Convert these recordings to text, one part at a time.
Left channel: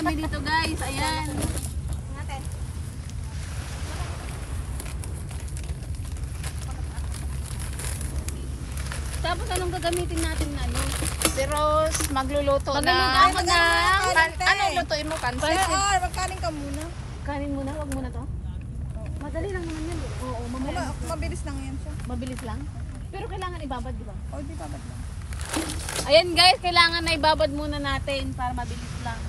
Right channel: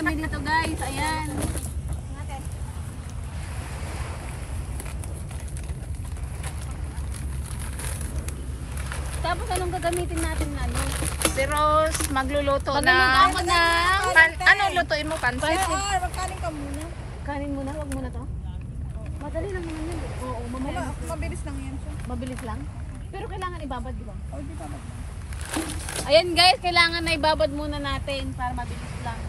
kami dito guys. Ayan. Tapos anong gagamitin natin na ano? Si Rose magluluto na. Magluluto na. Ano lutuin mo? Pansit? Magkanin ka muna. Kanin muna, wag muna to. Madali lang naman yun, di ba? Oo, mamaya. Mabilis lang yan siya. Mabilis lang. Pero kailangan ibabad, di ba? O, di babad lang. Ayan guys, kailangan na ibabad muna natin para mabilis lang.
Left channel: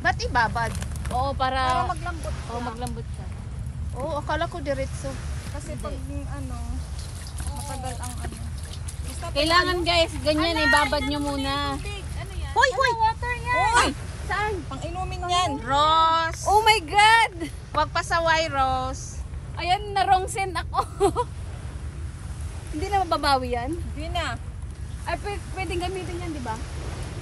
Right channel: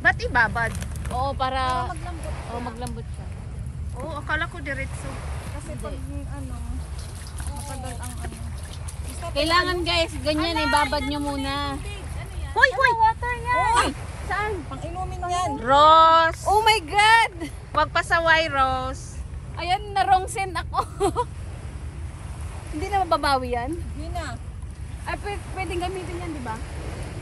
Ba't ibabad? Oo, para Maglambot siya. Oo, maglambot siya. Oo, akala ko diretso. Kasi pag matagal ang ano. Basta Kailangan guys, ganyan ibabad nyo muna. Hoy, hoy! Water yan. Saan? pang inumin yan. Rose! Oh my God! Huwag pasaway, Rose. Ayan, na-wrong send ako. Hindi na mababawi yan? Yun na. Ay, pwedeng gamitin yan, di ba?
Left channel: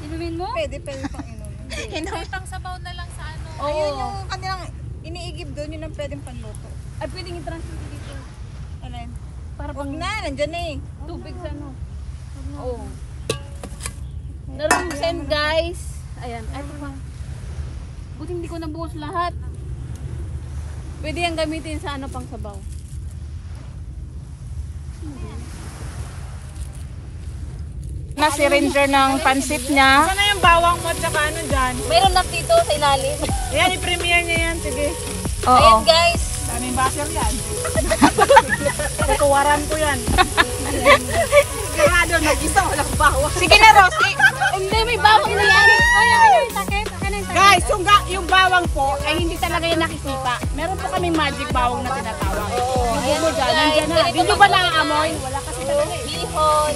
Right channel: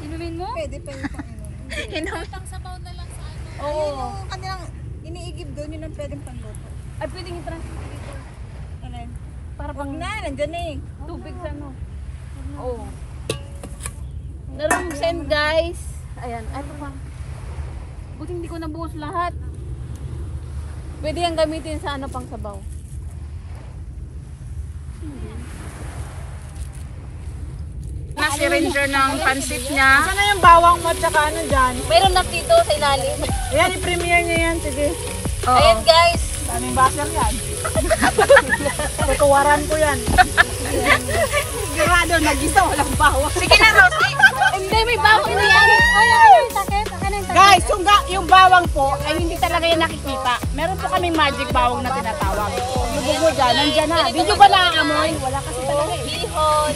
Inumin mo? Pwede pang inumin. Pang sabaw na lang sa ano. Ayun yung kanilang iniigib doon, yun ang pwedeng panluto. Ay, pwedeng i-transfer dito. Alin? Para Wag pang na, nandyan eh. tubig sa ano. Oo. Na-wrong send guys. Ayan. Ay, pa. Buti hindi ko nabuhos lahat. Pwede yan gamitin sa ano pang sabaw. Na si Ranger ng pansit niya. Sana yung bawang mo at saka ano dyan? Mayroon na dito sa ilalim. Ayan, i-premiere niya yan. Sige. Ayan guys. Daming basher yan. Tutuwaran ko yan. Sigurado, mag-isa, walang bawang. Sige na, Rose. Hindi, may bawang na yan. Ay, takit. Guys, yung bawang po ay hindi talaga yan nakikita. Meron po kami magic bawang na tinatawag. Lubog mo dyan, nandyan na. Di nyo ba naamoy? Wala kasi talaga eh. Bihon.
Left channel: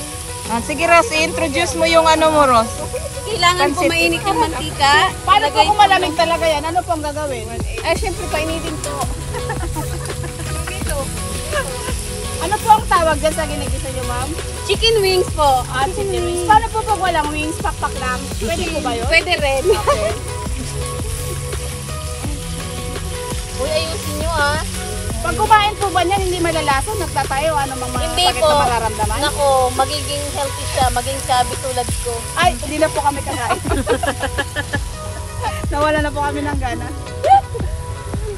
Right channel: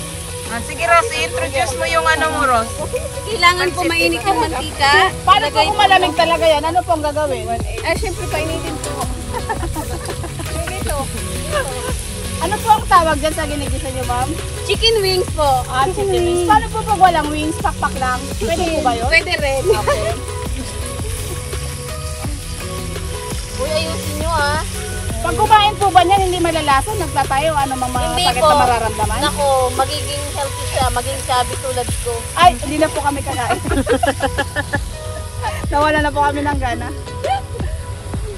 Sige, Rose. I-introduce mo yung ano mo, Rose. Kailangan po mainit yung mantika. Paano po kung malamig talaga yan? Ano po ang gagawin? Ay, syempre painitin po. Ano po ang tawag dyan sa ginagisa nyo, ma'am? Chicken wings po. Chicken wings. Paano po pag walang wings? Pakpak lang. Pwede po ba yun? Pwede rin. Uy, ayusin nyo ah. Pag kumain po ba niyan, hindi malalasa? Nagtatayo, ano mga Hindi sakit po. na mararamdaman? Nako, magiging healthy siya. Maging chubby tulad ko. Ay, hindi na po kami kakain. Nawala na po kami ng gana.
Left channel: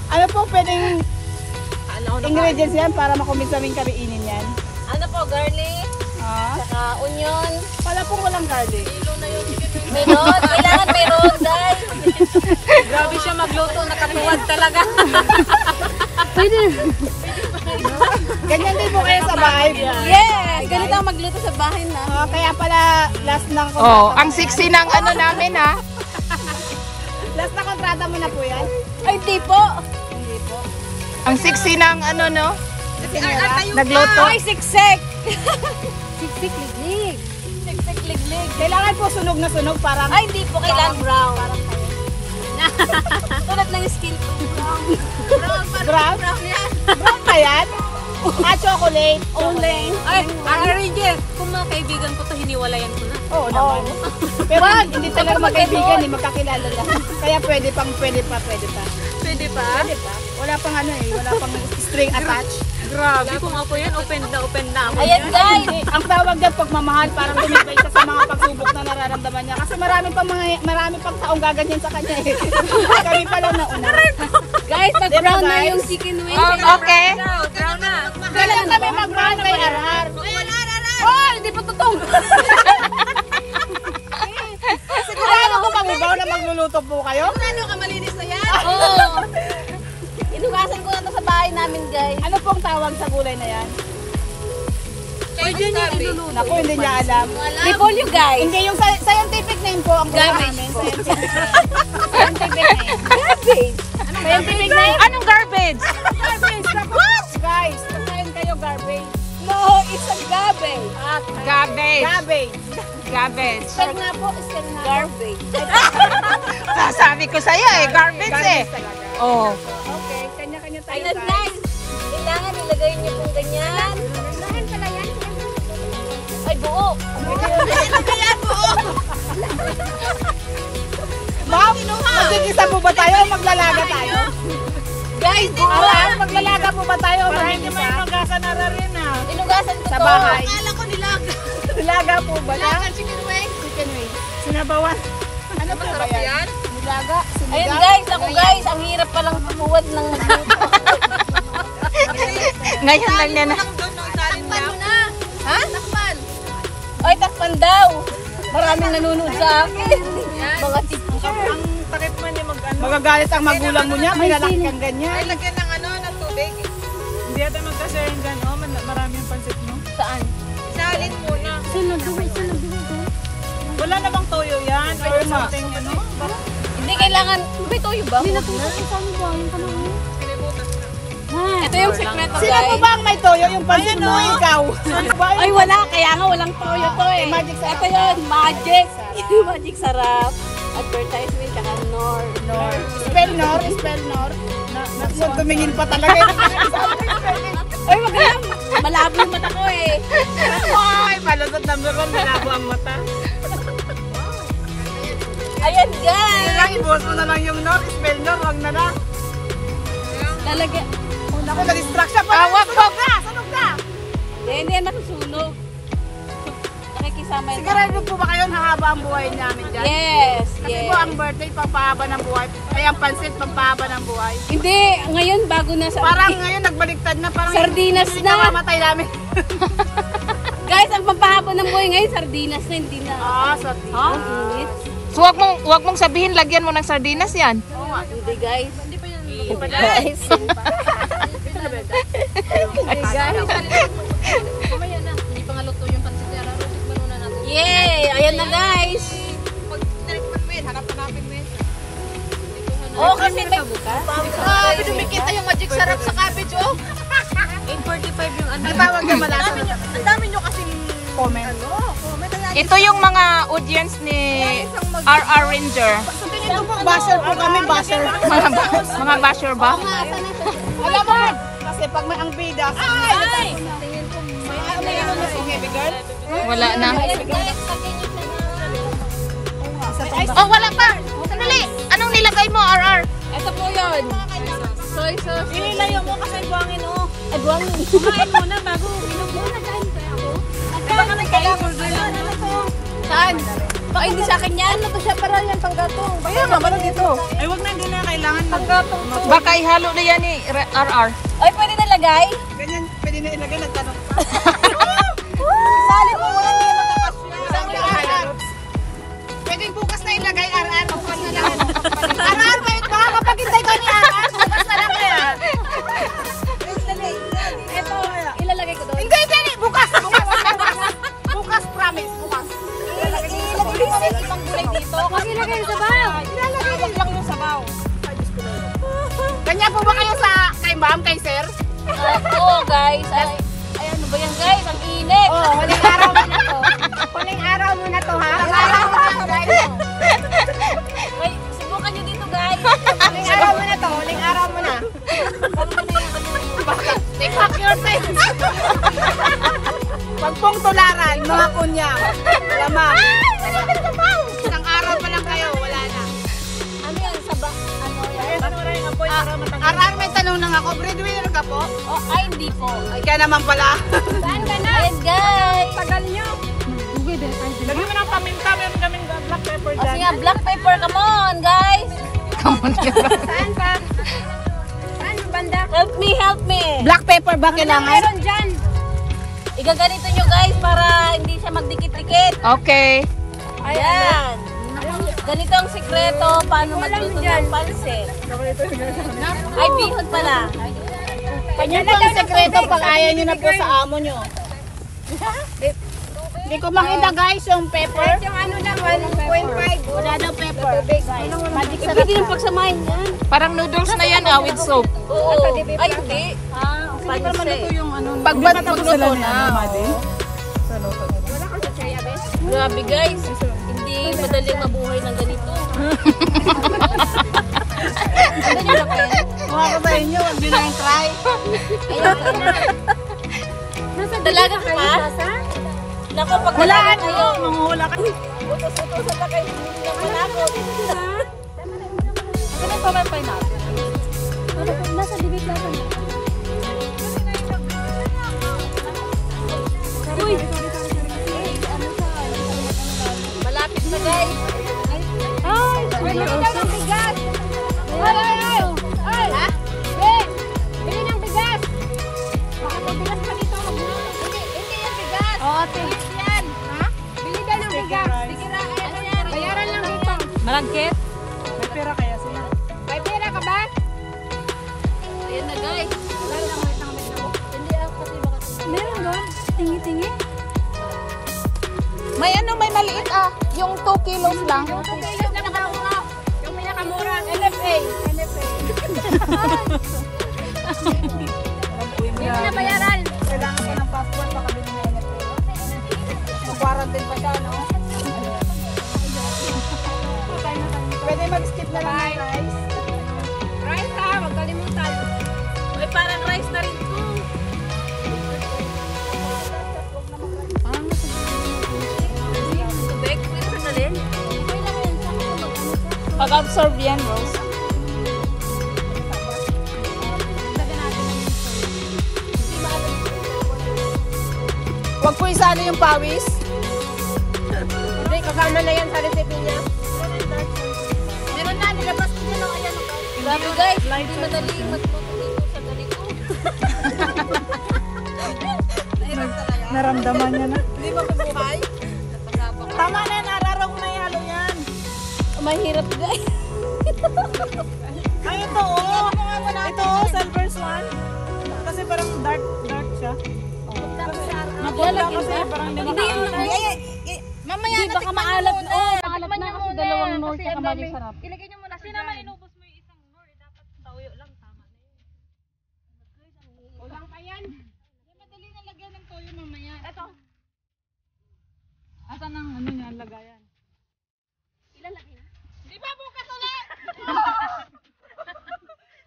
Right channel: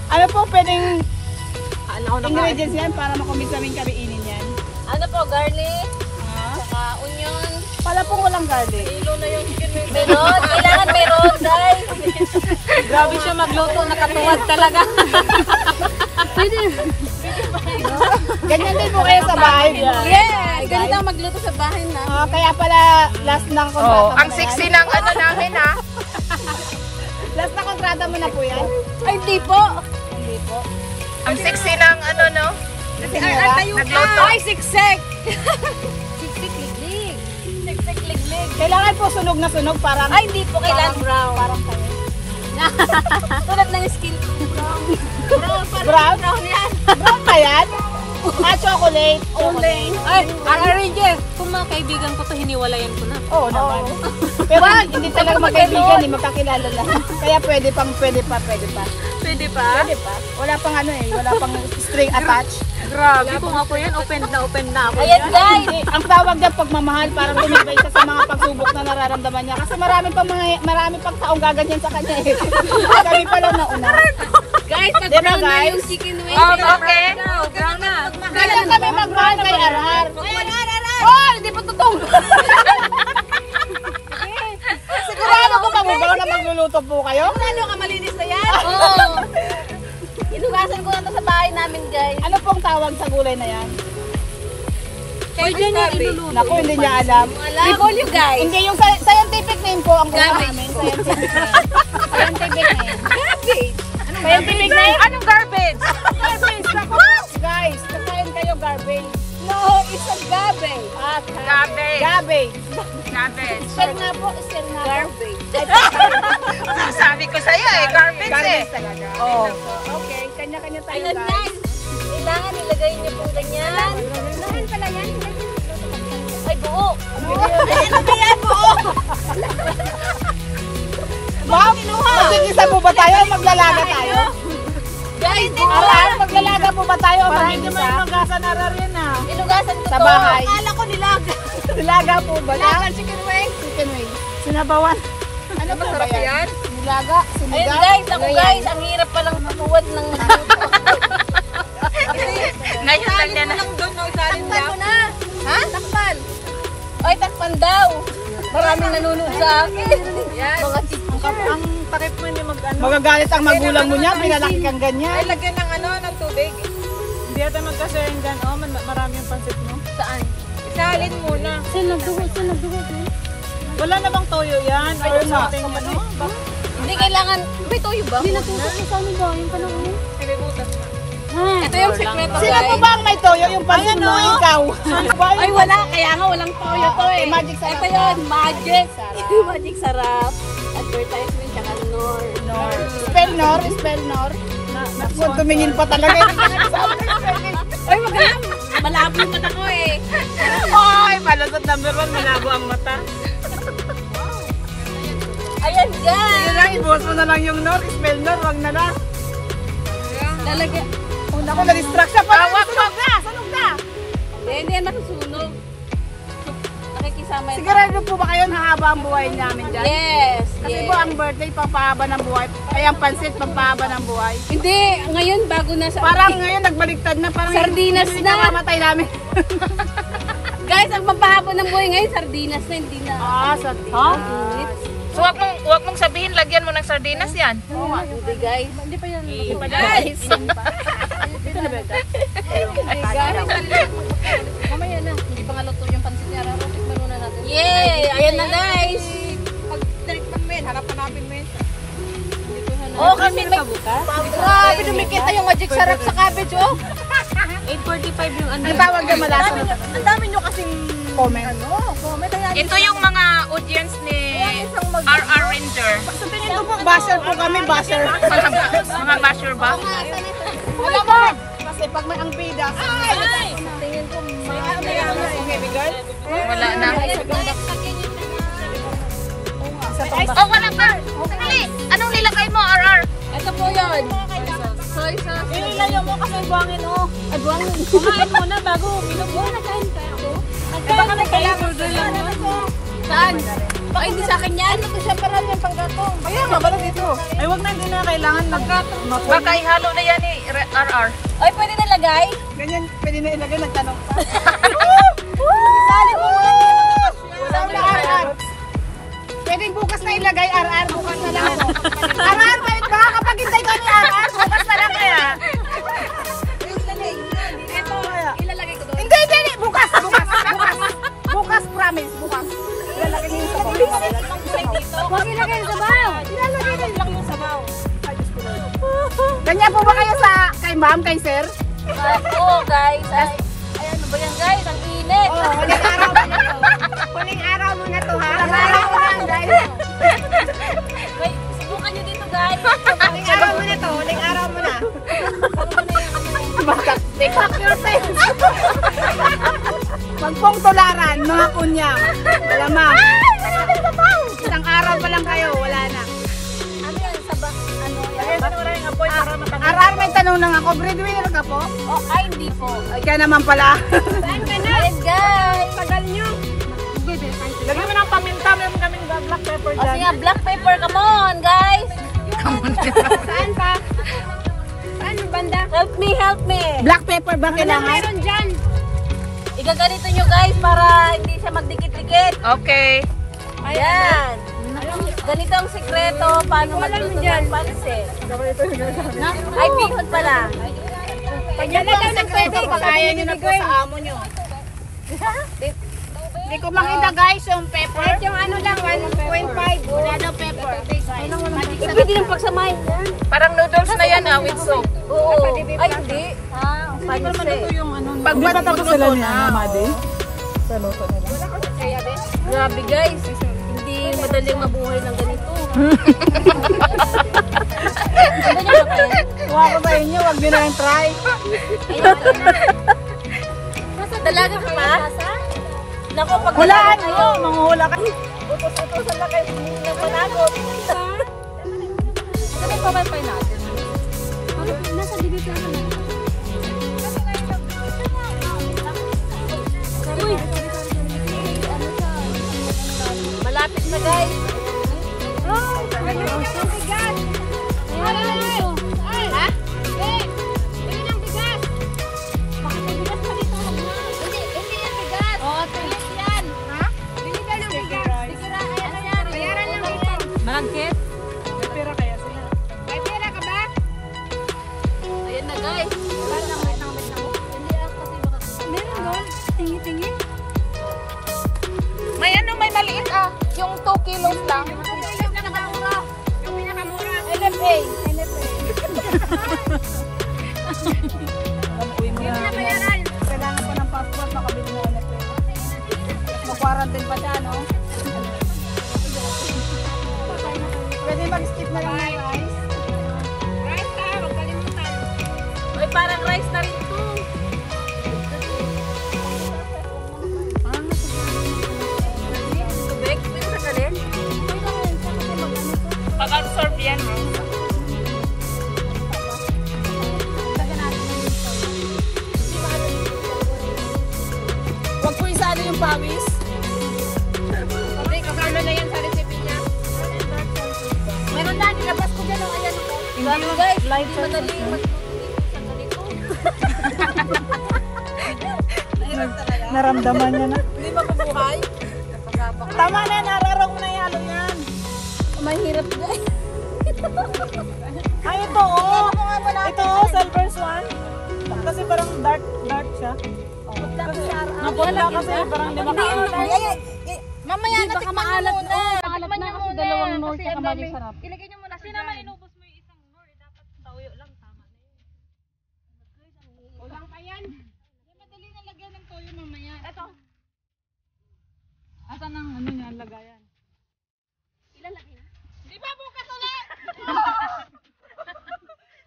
Ano po pwedeng ingredients yan para makumis namin kariinin yan? Ano po, garlic, Ah? onion. Pala po walang garlic. Meron. Kailangan meron, guys. Grabe siya magluto. Nakatuwad talaga. Pwede. Ganyan din po kayo sa bahay niya. Yes! Ganito ang magluto sa bahay na. Kaya pala last na kontrata Oh, mo ang na sexy yan. ng ano namin, ha? Last na kontrata mo na po yan? Ay, di po. Hindi po. Ang sexy ng ano, no? Nagluto. Ay, siksik. Siksik, liglig. Siksik, liglig. Kailangan po sunog na sunog para Ay, hindi po. Kailangan brown. Tulad ng skill ko. Brown. brown. Brown ba yan? Chocolate. Only. Ay, Ranger. Kung mga kaibigan ko to, hiniwalayan ko na. Oo naman. Pero hindi talaga magkaibigan, hindi magkakilala lang. Kaya pwede pa. Pwede pa? Pwede pa. Wala pang ano eh, wala pang string attached. Grabe, kung ako yan, open na ako. Ayan guys! Ang tawag niya pagmamahal, parang tumibay siya sa mga pagsubok na nararamdaman niya. Kasi marami pang taong gaganyan sa kanya eh. Kami pa lang nauna. Guys, Diba, nag-brown na guys? yung chicken wings. Okay. Brown na. Kailan kami mag-brown kay Arar? Oh, hindi pa totoo. Sigurado ko mag-brown na magluluto po kayo? Ano ka malinis na yan? Oo. Inugasan ko na to sa bahay namin, guys. Ano pong tawag sa gulay na yan? Kayo dyan yung iluluto. Naku, hindi niya alam. Repolyo, guys. Hindi, yung scientific name po ang gulay Garbage namin. po. Scientific name. Garbage. Scientific name? Anong garbage? Garbage. What? Guys, kakain kayo garbage. No, it's a garbage. Garbage. Garbage. Garbage. Spell nga po, spell nga. Garbage. Sasabi ko sa'yo, eh. Garbage, eh. Garbage talaga. Oh. Okay, kanya-kanya tayo. Ayan, guys. Kailangan ilagay niyo po ganyan. Ay, buo. Kaya buo. Ma'am, magigisa po ba tayo o maglalaga tayo? Guys, buo. Maglalaga po ba tayo o magigisa? Inugasan na rin ha. Inugasan ko Sa to. bahay. Akala ko nilaga. Nilaga po ba? Chicken wings. Chicken wings. Sinabawan. Ano ba ba yan? Nilaga, Ayun guys, ako guys, ang hirap palang tumuwad ng magluto. Ngayon lang yan. Ha? Ay, takpan daw. Maraming nanonood sa akin. Mga teacher. Ang takip mo niya magagalit ang magulang mo niya, pinalaki kang ganyan. Ay, lagyan ng ng tubig. Hindi ata magka-sharing gan. Oh, marami yung pansit mo. Saan? Salin muna. Wala na bang toyo yan? Or something ano? Hindi kailangan. May toyo ba? Huwag na. Ito yung sekreto Sino po guys. ba ang may toyo? Yung pansit mo, ikaw. Ay wala, kaya nga walang toyo to eh. Magic sarap. Ito yun, magic. Magic sarap. Advertisement, tsaka Nor. Spell Nor, spell Nor. Tumingin pa talaga. Ay, wag lang. Malabo yung mata ko eh. Ay, palasot number 1, malabo ang mata. Ayan guys. Ibuwas mo na lang yung Nor, spell Nor, wag na na. Talaga. Ako na-distract siya. Wag na! Sanog na! Hindi yan masusunog. Nakikisama yun. Sigurado po ba kayo hahaba ang buhay namin dyan? Yes, Kasi yes. po ang birthday, papahaba ng buhay. Ay, ang pansit, papahaba ng buhay. Hindi, ngayon bago na sa... Parang ngayon nagbaliktad na. Parang Sardinas hindi na. Matay namin. Guys, ang pampahaba ng buhay ngayon, sardinas na, hindi na. Sardinas. Ang init. So, wag mong sabihin, lagyan mo ng sardinas yan. Hindi guys. Hindi pa yan. Guys. Yay! Ayan na guys. Oh, kasi may... Grabe, dumikita yung magic sarap sa cabbage, oh. 8:45 yung ano. Ang tawag na malasa. Ang dami nyo kasing comment. Ito yung mga audience ni RR Ranger. Sa tingin ko po, basher po kami, basher. Mga basher ba? Alam mo, kasi pag may ang bida, Ay! Tingin ko may ano na si baby girl? Wala na. Ay, Oh, wala pa. Sandali. Anong nilagay mo, RR? Ito po yun. Soy sauce. inilayo mo kasi buwangin, oh. Ay, buwangin. Kumain mo na bago uminom mo. Magkano na kayo? Saan? Ay, hindi sa akin yan. Ito siya para yan panggatong. Kaya mabala dito. Ay, wag na, hindi na kailangan. Paggatong. Baka ihalo na yan ni RR. Ay, pwede na lagay? Ganyan, pwede na ilagay, nagtanong pa. Sali mo nga, hindi matakas yan. Pwede bukas na ilagay, RR. RR, baka kapag hintay ka ni RR, bukas na lang kaya. Ito, Ilalagay ko doon. hindi, bukas. Bukas, promise, bukas. Ilagay mo rin ibang gulay dito. Huwag ilagay sa baw. Ilalagay lang yung sabaw. Ganyan po ba kayo sa kay ma'am, kay sir? Oo, guys. Ay, ano ba yan, guys? Ang init. Huling araw mo na to. Huling araw mo na to, ha? Huling araw mo na, guys. Wait, subukan nyo dito, guys. Huling araw mo na to. Huling araw mo na. Bakit? Take back your time. Pagpong tularan, mga punya. Wala, ma'am. Isang araw pa lang kayo, wala na. Ano yan? Sabak? Ano yan? maraming apoy para matanggal. Arar, may tanong lang ako. Breadwinner ka po? Oh, ay, hindi po. Kaya naman pala. Ayan, guys. Lagyan mo ng paminta. Meron kaming black pepper O, sige, black pepper. Come on, guys. Saan pa? Help me, help me. Black pepper ba kailangan? Igaganito nyo, guys, para hindi siya magdikit-dikit. Okay. Ayan. Ganito ang sikreto paano magluto ng pansit. Ay, bihon pala. Kanya ka ang sekreto pag ayaw nyo na po sa amo nyo. Hindi ko makita guys yung pepper. Yung ano lang, 1.5. Wala daw pepper. Pwede yung pagsamahin yan. Parang noodles na yan with soup. Oo. Ay, hindi. Pansit. Pag magluto na. Grabe, guys. Hindi madaling mabuhay ng ganito. Ano nyo ba, Pen? Kuha ko sa inyo, wag nyo na lang try. Dalaga ka pa? Naku, pag dalaga kayo, Manguhula ka. utos-utosan na kayo, hindi nyo manakot. Ano pa ba pa natin? Nasa libit lang na. Uy! Malapit na, guys. Ay, ate. Ha? Bili daw yung bigas. Bayaran lang dito. Malagkit? May pera kaya siya? May pera ka ba? Ayan na guys. Wait lang. Meron doon? Tingi-tingi? May ano, may maliit. Yung 2 kilos lang. Yung 2 kilos na nagkakura. Yung pinakamura. NFA. Hindi na bayaran. Kailangan ko ng passport. Baka hindi mo NFA. Quarantine pa siya, no? Pwede mag-skip na lang yung rice. Rice ha, huwag kalimutan. Uy, parang rice na rin to. Parang tubig. Pwede sa galin? Okay lang yan. Saan ko mag-ano to? Pag-absorb yan. Lagyan natin ng minsan. Huwag po isali yung pawis. Hindi, kasama na yan sa recipe niya. Meron na, nilabas ko dyan ang ilan. Grabe guys, hindi madali magluto dito sa ganito. Naramdaman niya na. Hindi makubuhay. Tama na, nararong na yan. Mahirap guys. Ay, ito oh. Ito oh, silver swan. Kasi parang dark siya. Napula kasi parang di Mamaya Hindi, baka maalat na. Maalat na kasi dalawang nor Kasi tsaka ang dami. mali sarap. Ilagay niyo muna Kasi naman inubos mo yung isang nor. Dapat tawyo lang. Tama na yun. Ulang pa yan. Madali na lagyan ng toyo mamaya. Ito. Asan ang ano niya, lagayan? Ilalagay na. Di ba bukas ulit?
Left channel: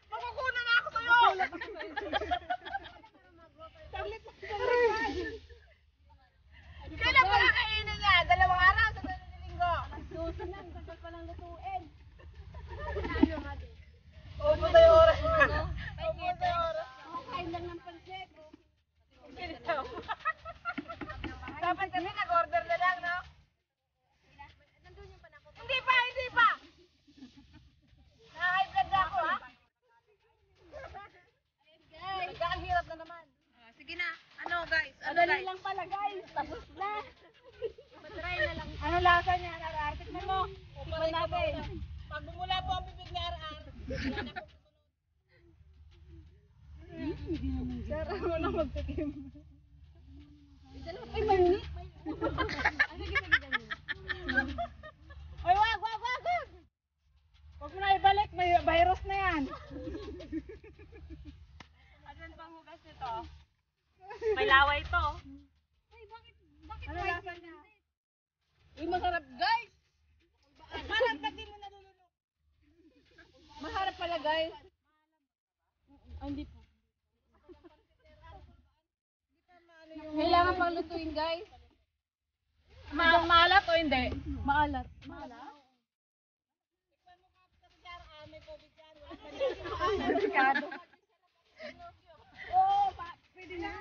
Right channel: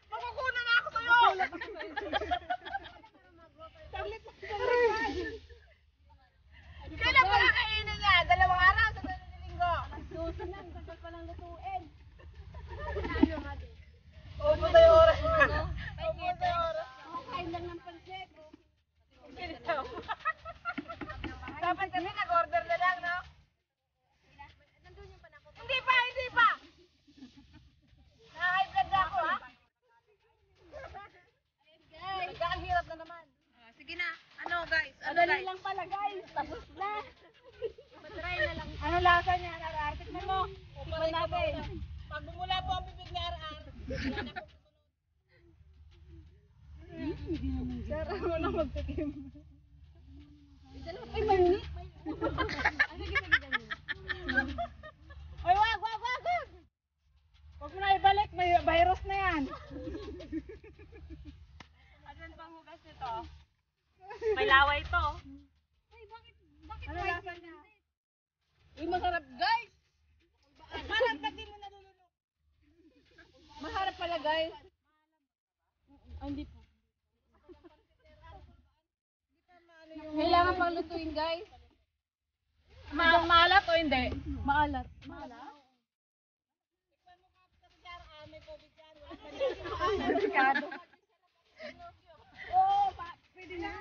Makukunan na ako sa'yo. Kailan pa kakainin niya? 2 araw sa linggo. Susunod lang, tagal pa lang lutuin. Opo tayo oras. Opo tayo oras. Kain lang ng pansit. Dapat kami nag-order na lang, no? Hindi pa, hindi pa. Na-high blood na ako, ha? Nagkakahirap na naman. Sige na. Ano guys? Madali lang pala, guys. Tapos na. Matry na lang. Ano lasa niya? Arar, tikman mo. Tikman natin. Pag bumula po ang bibig ni RR. Sarap mo na magtikim. Ay, mainit. Ay, wag! Huwag mo na ibalik, may virus na yan. Asan pang hugas nito? May laway to. Ano lasa niya? Uy, masarap, guys. Parang pati mo nalulunok. Masarap pala, guys. Hindi po. Kailangan pang lutuin, guys. Maalat o hindi? Maalat. Maalat? Delikado. Oo, pwede na.